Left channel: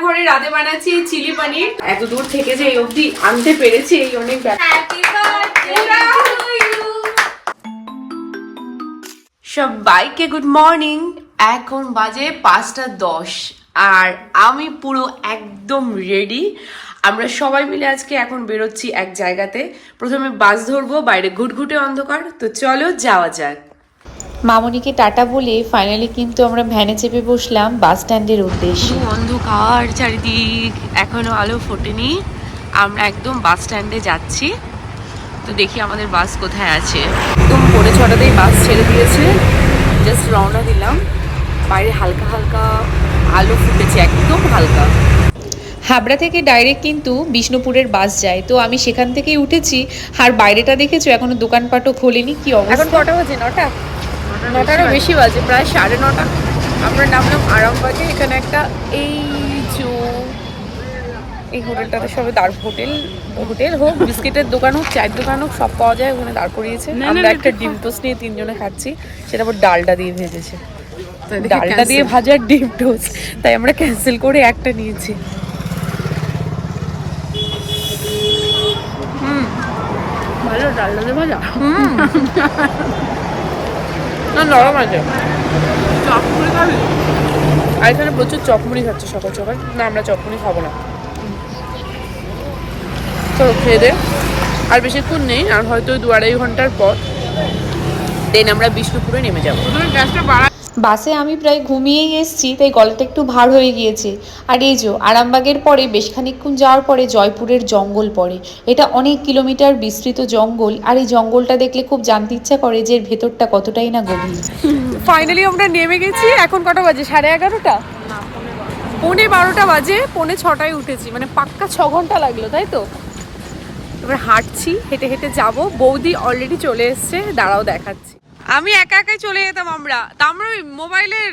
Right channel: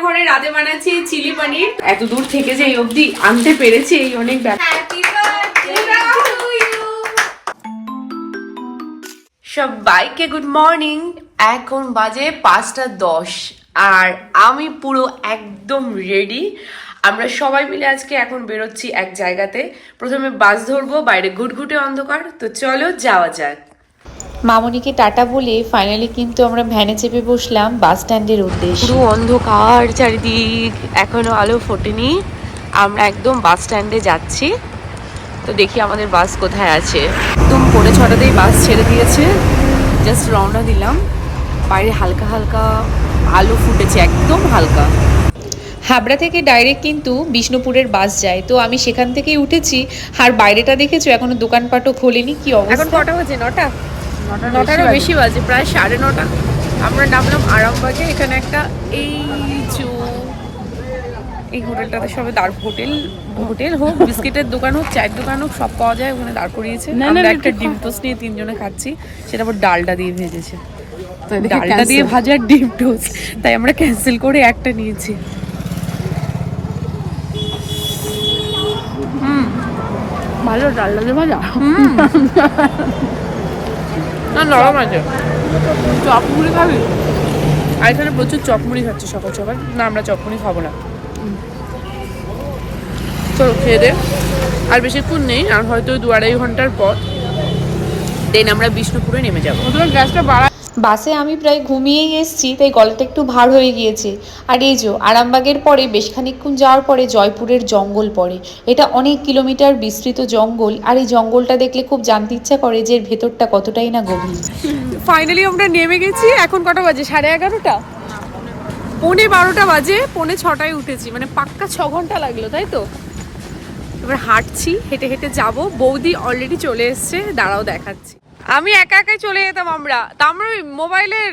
ঘরে রাতে বানাচ্ছি চিলি পনির। এত দূর থেকে যে এই অবধি আনতে পেরেছি এই অনেক ব্যাপার। সবাইকে গুড মর্নিং। এখন বাজে 5:10 আর আমি পুরো একদম রেডি। আমরা সবাই মিলে আজকে এখন বেরোচ্ছি এক জায়গাতে। প্রথমে বাস ধরবো, বাইরে ঘুটঘুটে অন্ধকার, তো চলো যাওয়া যাক। মামনিকে টাটা বলে ফাইনালি কিন্তু আমরা ভ্যানে চেপে বসলাম বাস স্ট্যান্ডের উদ্দেশ্যে। পুরো অন্ধকার চারিদিক, এখনো আলো ফোটেনি। আমরা একদম বাস স্ট্যান্ডে যাচ্ছি, তো দেখি আমাদের বাস কোথায় আছে। একদম 6:45তেই বাস ছেড়ে দিয়েছে, জাস্ট রওনা দিলাম। বাইরে হালকা হালকা আলো ফুটেছে, একদম হালকা। হাবড়া থেকে ডাইরেক্ট কিন্তু বিষ্ণুপুরের বাস যায়, তো আমি সেখান থেকেই উঠেছি। আর বাইরেটা দেখেছো, এখনো দোকানপাটও খোলেনি। কি অবস্থা! এখন কটা বাজে? 9টারও বেশি বাজে, প্রায় 9:30। আমরা নামলাম আরামবাগে। এখানে একটা এই হোটেলটাতে সবে হোটেল হোক, বিস্কিটের দোকান হোক, চায়ের দোকান হোক, সব পাওয়া যায়। ওখানে দাঁড় করিয়েছে। আমরা একটা ডিম টোস্ট নিয়ে 3 জনে খাচ্ছি, সেটা আবার ডালটা দিয়ে ভেজেছে। ডালটা দিয়ে ভাজা ডিম টোস্ট, তাই আমরা ক্যান্সেল করে একটা নিয়েছি। ভালো ডাল দিয়ে ভাজা। না, নরম আছে। চপমুড়ি খাবি? আর এখানে প্রচুর চপমুড়ি খাচ্ছে সকাল সকাল। না, আমরা চপমুড়ি খাবো না। চলো খেয়ে দে। আর বেশিক্ষণ নেই, আর হয়তো 2-2.5 ঘন্টার পর দেন আমরা বিষ্ণুপুরে নেমে যাবো। বাসে আমি প্রায় ঘুমিয়েই এসেছি, তাই গলাটা একটু ভার হয়ে গিয়েছে। আর এই যে আরামবাগের পরে বেশ খানিকক্ষণ যাওয়ার পরে জয়পুরের জঙ্গল পড়ে। এটা অনেক কিলোমিটার বিস্তৃত জঙ্গল, আর এই জঙ্গলটা দেখলে খুব জানতে ইচ্ছা করে যে এর ভেতরটা কতটাই না গভীর। ফাইনালি আমরা নেমে গেছি। এখন কটা বাজে? 11:30? 11:45 বাজে। 6:45 উঠেছি, মানে পাক্কা 6 ঘন্টা লাগলো, তাই তো? এবার হাঁটছি, হেঁটে হেঁটে যাব। বৌদি অলরেডি চলে এসছে, দাঁড়াও দেখাচ্ছি। আমি একা একাই চলে যেতাম। তা আমরা ওই মোবাইলের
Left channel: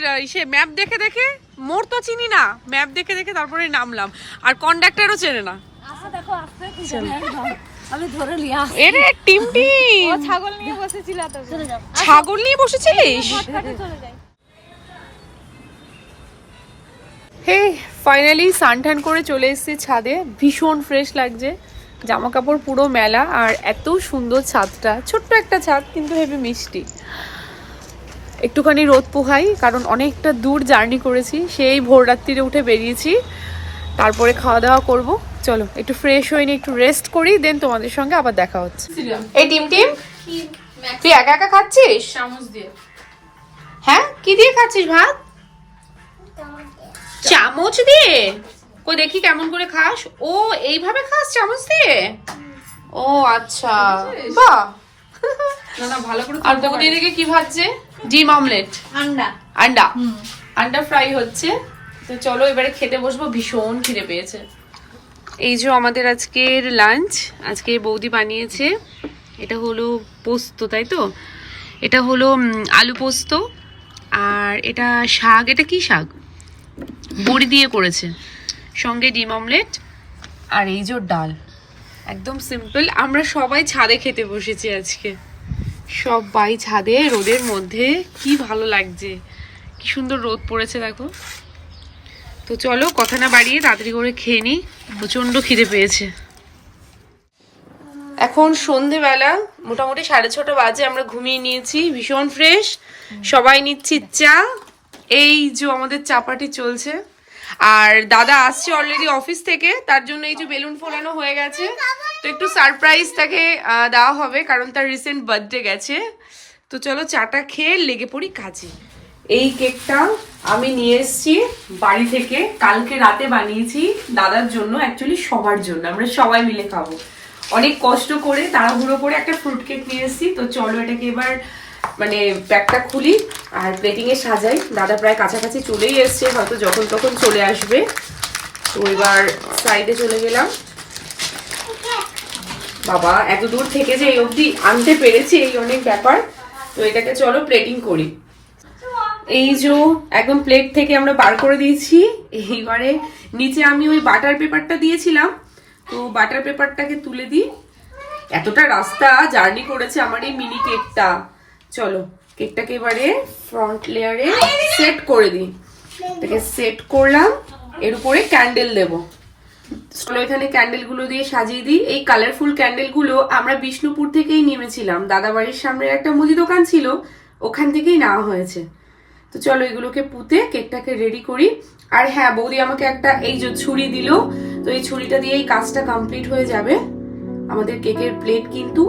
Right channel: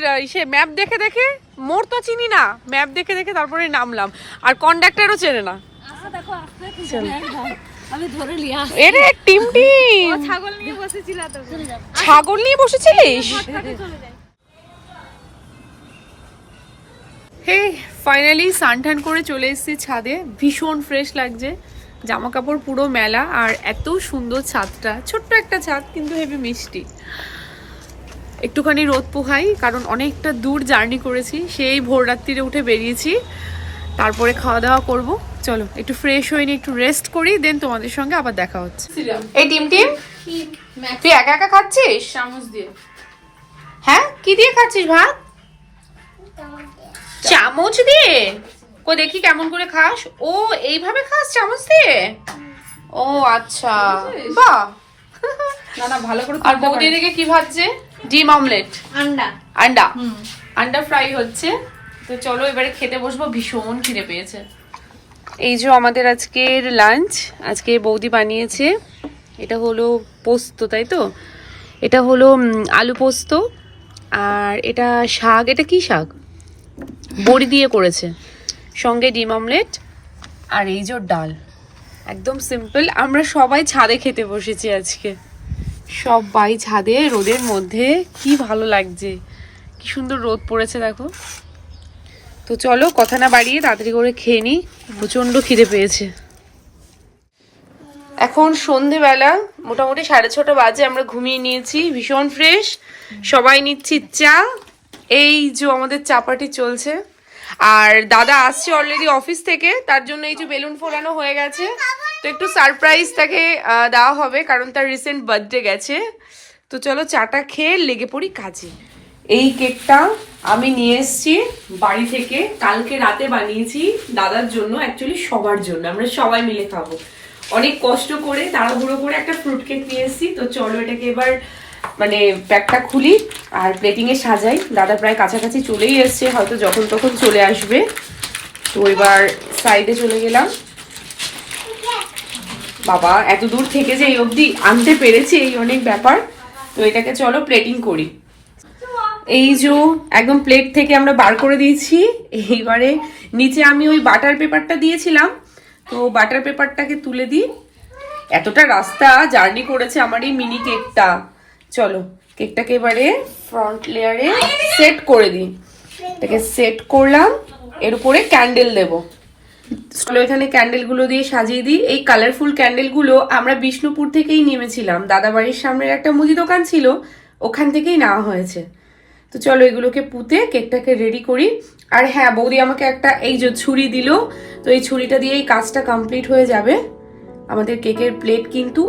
ম্যাপ দেখে দেখে, মোড় তো চিনি না, ম্যাপ দেখে দেখে তারপরে নামলাম। আর কন্ডাক্টরও চেনে না। আমি ধরে লিয়া এরে টিমটিম, ছাগল নিয়ে বসেছিল তো। ছাগল নিয়ে বসেছিলিস? হে ফাইনালি সানটান করে চলে এসেছি ছাদে। ভীষণ ফ্রেশ লাগছে, জামা কাপড় পুরো মেলা। আর এত সুন্দর ছাদটা, ছোট্ট একটা ছাদ কিন্তু হেবি মিষ্টি। একটুখানি রোদ পোহাই, কারণ অনেকটা দূর জার্নি করেছি। সেই ভোর রাত্রিরে উঠে বেরিয়েছি, তারপরে খাওয়া দাওয়া করব। চলো একটু ফ্রেশ হয়ে নিই, একটু রেস্ট করি, দেন তোমাদের সঙ্গে আবার দেখা হচ্ছে। এই টিম তুই একা একা খাচ্ছিস? চামচ দিয়ে। হ্যাঁ, কি দিয়ে খাচ্ছিস ভাত? চামচ দিয়ে? কই দেখি কেমন করে খাস। ও এইভাবে খাস চামচ দিয়ে? ও আচ্ছা, বাহ। না ভালো করে। আর বৌদি এদিকে কি ভাজছে? ডিম অমলেট, আন্ডা ফ্রাই হচ্ছে। তো চলো এবারে খেতে বসবো, ভীষণ খিদে পেয়েছে। এই যে আমাদের আজকের লাঞ্চ, আজকে বৌদি বানিয়েছে। এটা হলো পোস্ত, তাই তো? এটা হলো আলু পোস্ত। আর এটা শাক, এটা কি শাক? বড়ি দিয়ে করেছে, সঙ্গে ডিম অমলেট। আর এই যে ডাল, একদম সিম্পল। আমরা সবাই ছাদে খেতে বসেছি আজকে, সবাই ছাদে রোদের মধ্যে। কি ভালো লাগছে, কি সুন্দর রোদ পড়েছে দেখো। তো চলো কথা না বাড়িয়ে তাড়াতাড়ি করে খেয়ে নিই, প্রচন্ড খিদে পেয়েছে। এখন সন্ধেবেলা, মোটামুটি 6:30 বাজে। আমরা ঘুমিয়ে নিয়েছি, ভীষণ ফ্রেশ। সবাই নিচ্ছি চা। এই যে আমাদের চা পার্টি চলছে। আর দাদা আসছে অলরেডি অফিস থেকে, তার জন্য এই যে বেলুন ফোলানো হয়ে গেছে। তো একটু সারপ্রাইজ তাকে দেওয়া হবে, কারণ তার রিসেন্ট বার্থডে গেছে। তো চলো চাটা খেয়ে লেগে পড়ি কাজে। এই কেকটা আমি নিয়ে এসেছি বাড়ি থেকে, কালকে রাতে বানিয়েছি দাদার জন্য, অ্যাকচুয়ালি সবার জন্য, আমরা সবাই মিলে খাবো। অনেক কষ্ট করে তাড়াহুড়ো করে একটা ফ্রুট কেক নিয়ে এসেছি। তো চলো এটাকে এবার মানে প্যাকটা খুলি আর প্লেটিং এ সাজাই। দাদা প্রায় কাছাকাছি চলেই এসছে, হয়তো যখন তখন চলে আসবে। তো এবার সাইডে চলে গেলাম। বাবা, এত দূর থেকে যে এই অবধি আনতে পেরেছি এই অনেক ব্যাপার। তো এটাকে চলো প্লেটিং করি। এই যে একদম প্লেট থেকে আমরা বার করে দিয়েছি। এইবারে নিচে আমি ওই বাটার পেপারটা দিয়েছিলাম, তো বাটার পেপারটাকে তুলে দিই। এতটা রাস্তা জার্নি করেছে আমার এই মিনি কেকটা। চলো কেকটাকে এবারে ফ্রন্ট লেয়ারে সেট করে দিই। এটাকে সেট করলাম। এর উপরে ক্যান্ডেল দেব। চলো এখানে ক্যান্ডেল গুলো দিয়ে সাজিয়ে দিই। এই কালারফুল ক্যান্ডেল গুলো আমরা বিষ্ণুপুর থেকেই নেমেছিলাম, দাদা বাড়ির সামনের একটা মুদি দোকান ছিল, ওখান থেকেই নেওয়া হয়েছে। তো চলো এগুলোকে পুঁতে কেকটাকে রেডি করি। আর হ্যাঁ, বৌদি আমাকে একটা এই যে ছুরি দিল, তো এই ছুরিটা দিয়ে এই কাজটা কমপ্লিট হয়ে যাবে। আমাদের কেকের প্লেট কিন্তু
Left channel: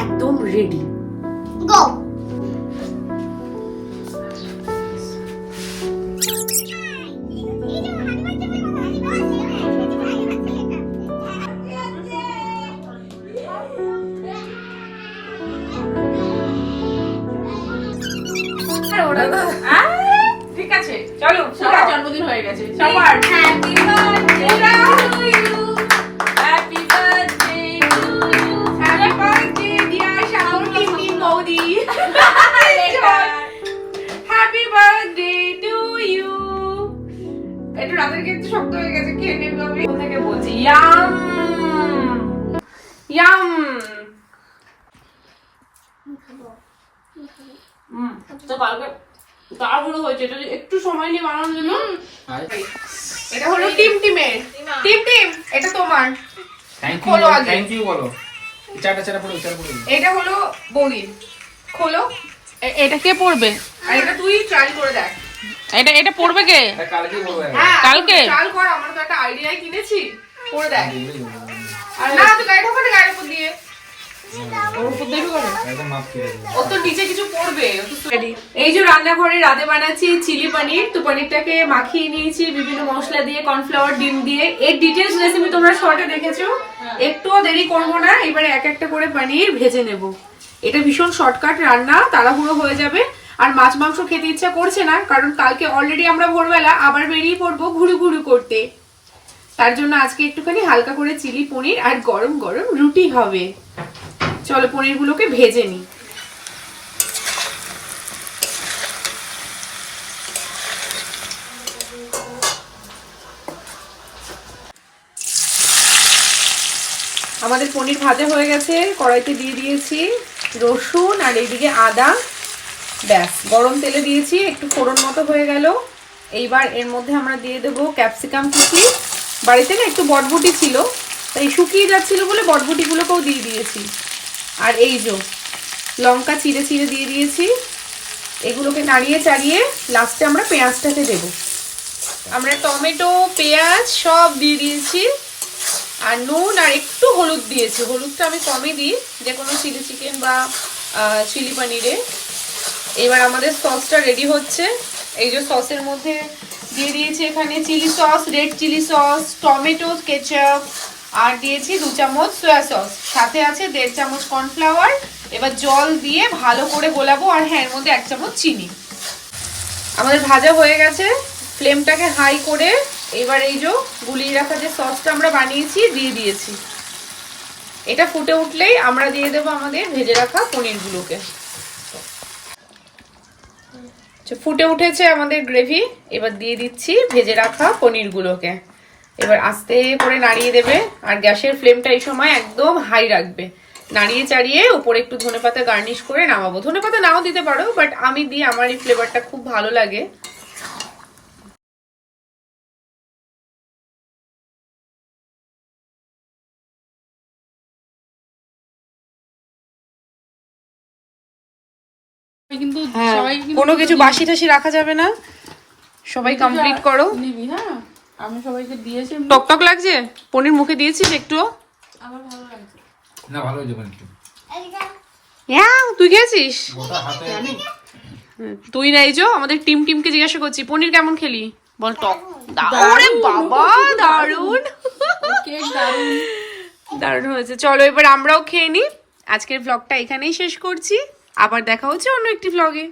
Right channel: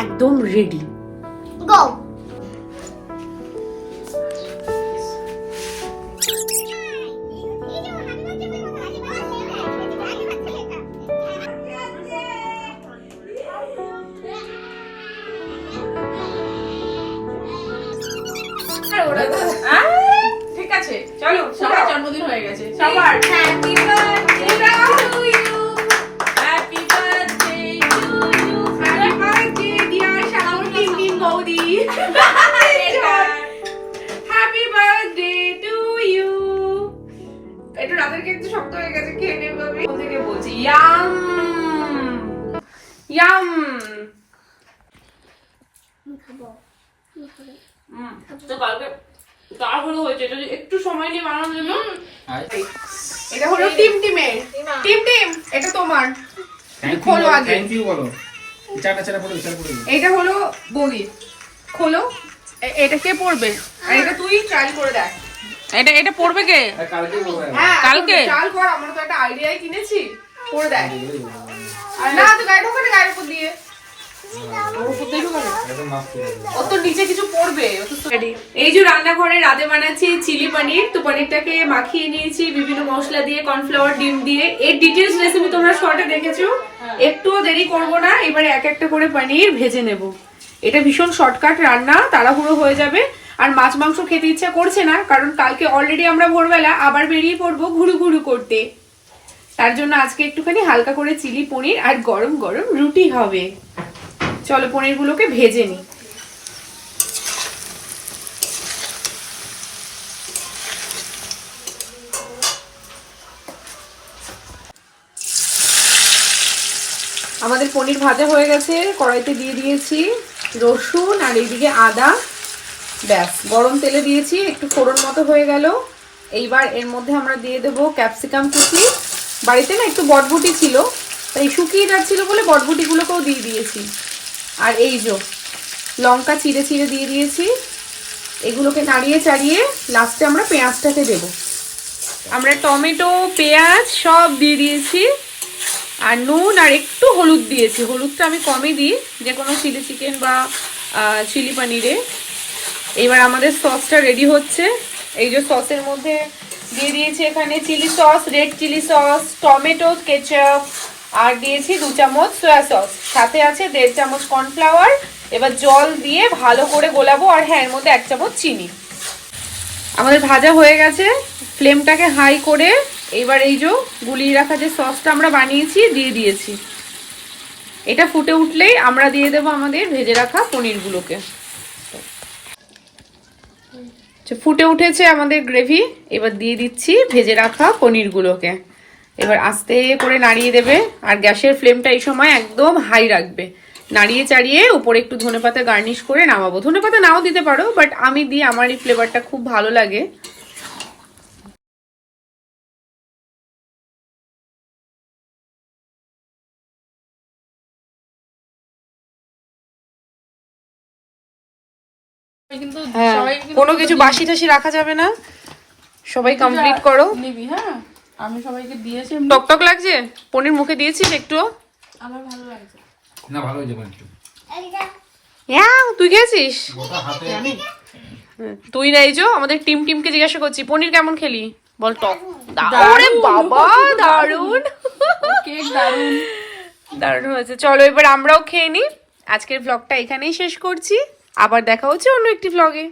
একদম রেডি। গো ঠিক আছে, চলো সবার জন্মদিন হয়ে গেছে। সবার happy birthday to you happy birthday to you, happy birthday dear শাহুর টিম বৌদি, হ্যাপি বার্থডে টু ইউ। একটু রাতের কেক তো শক্ত হয়ে গেছে, খেয়ে নেবো আমি। কোথা থেকে বলছি, ইয়াম ইয়াম। তো কালকে তাড়াহুড়ো হয়েছে, এটা একটু সময় নিয়ে বানানোর জন্য। এটা হলো টিমের টিম, এটা তোমার। খোলো আগে। থ্যাংক ইউ বলো। চাটা পড়ো। এটা হলো বৌদি, খোলো। এটা কে পড়বে? আর এটা তুই ট্রাই করে দেখ। এটা পড়বে কে? কালকে বলবো। হ্যাঁ, কালকে? ট্রাই কর, আমরা তো একটা আইডিয়াই কিনেছি, করে দেখ। আর না তো গায়ে ঢোকাতে গায়ের উপর দিয়ে, ওর উপর দিয়ে ঢোকাবে? একদম মাস্ক করে দিও। ও তো নিচে কিছু পড়বে। এই যে রান্নাঘরে রাতে বানাচ্ছি চিলি পনির। তো পনিরটাকে মাখিয়ে নিয়েছি বিভিন্ন মশলা দিয়ে, কর্নফ্লাওয়ার, ডিম দিয়ে। এর ডিটেলস রেসিপি তোমরা শর্টে দেখেছো, একটুও দেরি করবো না, এবারে এক একটা করে পনির ভেজে নেব। এটা ভীষণ শর্টকাট রান্না, তাড়াহুড়ো হয়ে যাবে। আর মাছ মাংস খেতে ইচ্ছা করছে না, কারণ কালকে অলরেডি আমরা ভোরবেলা আবার বেরিয়ে পড়বো ঘুরু ঘুরু করতে। তার জন্য আজকে একটুখানি হালকা করে চিলি পনির আর গরম গরম রুটি হবে। চলো পনিরগুলোকে ভেজে নিই। আমাদের পনির ভাজা হয়ে গেছে, কড়াইতে দিয়ে দিয়েছি রসুন আর এইদিকে আদা। ব্যাস, গরম তেলে দিয়েছি, একটু ফোড়ন মতো হয়ে গেল। এইবার এর মধ্যে আমরা দিয়ে দেবো ক্যাপসিকাম কুচি। বাড়িতে না একটু বটবুটি ছিল, তাই শুকিয়ে যাচ্ছিল বলে বটবুটিগুলোকেও দিয়ে দিয়েছি। আর এই যে লঙ্কা চিড়ে চিড়ে দিয়ে দিয়েছি। এগুলোকে নাড়িয়ে চাড়িয়ে লাস্টে আমরা পেঁয়াজটাকে দেব। আমরা টমেটো, পেঁয়াজ সব দিয়ে দিয়েছি, আর নুন আর একটু হলুদ দিয়েছি। হলুদটা আমি কমই দিই যে কোনো চিলি চিকেন বা চিলি পনিরে। এবার আমাদের সসটা রেডি হচ্ছে। এই যে সসের মধ্যে দিয়ে দিয়েছি এখানে chilli sauce, red chilli sauce, tomato ketchup, আর দিয়েছি 2 চামচ সয়া সস, সাথে আছে 1.5 চামচ কর্নফ্লাওয়ার। এবার জল দিয়ে ভালো করে গোলাবো। আর হ্যাঁ, এর মধ্যে 1 চামচ চিনি। আমাদের ভাজা হয়ে গেছে, ফ্লেমটাকে হাই করে এইবার এই যে গুলিয়ে রাখা যে সসটা আমরা বানিয়েছি দিয়ে দিয়েছি। এটা ফুটে উঠলেই আমরা দিয়ে দেবো আমাদের ভেজে রাখা পনিরগুলোকে। ফুটে উঠেছে আমাদের গ্রেভি, এবার দিয়ে দিচ্ছি ভেজে রাখা পনিরগুলোকে। এবার আস্তে করে নাড়িয়ে দেবে, আর গ্যাসের ফ্লেমটা এই সময় একদম হাই রাখবে। নাড়িয়ে চাড়িয়ে উপরে একটু ধনেপাতা গার্নিশ করে নামাবো। ধনেপাতা নাও দিতে পারো, বাট আমি দিই, আমার এই ফ্লেভারটা খুব ভালো লাগে। কিন্তু হ্যাঁ, সবাই কিন্তু কোনো কিছু বাসি টাসি রাখা যাবে না, সবাই কমপ্লিট করো। নিবি। হ্যাঁ, আমি সবাইকে দিয়েছি। টকটক লাগছে? পনির মুখে দিয়েছিস একটু? আমার ভালো লাগছে। না ভালো হয়েছে কিন্তু। হ্যাঁ, তুই খেয়েছিস? গোটা হাতে তুই না, এই যে আমাদের টিমকে জিজ্ঞাসা করছি পনির কেমন খেলি, বল টক। ওরে বাবা, দারুন কেক দারুন। দারুন হয়েছে। চলো এবার আমরাও খেয়ে নিই। আজকের ব্লগটা এখানেই শেষ করছি, আবার দেখা হচ্ছে অন্য একটি ব্লগে।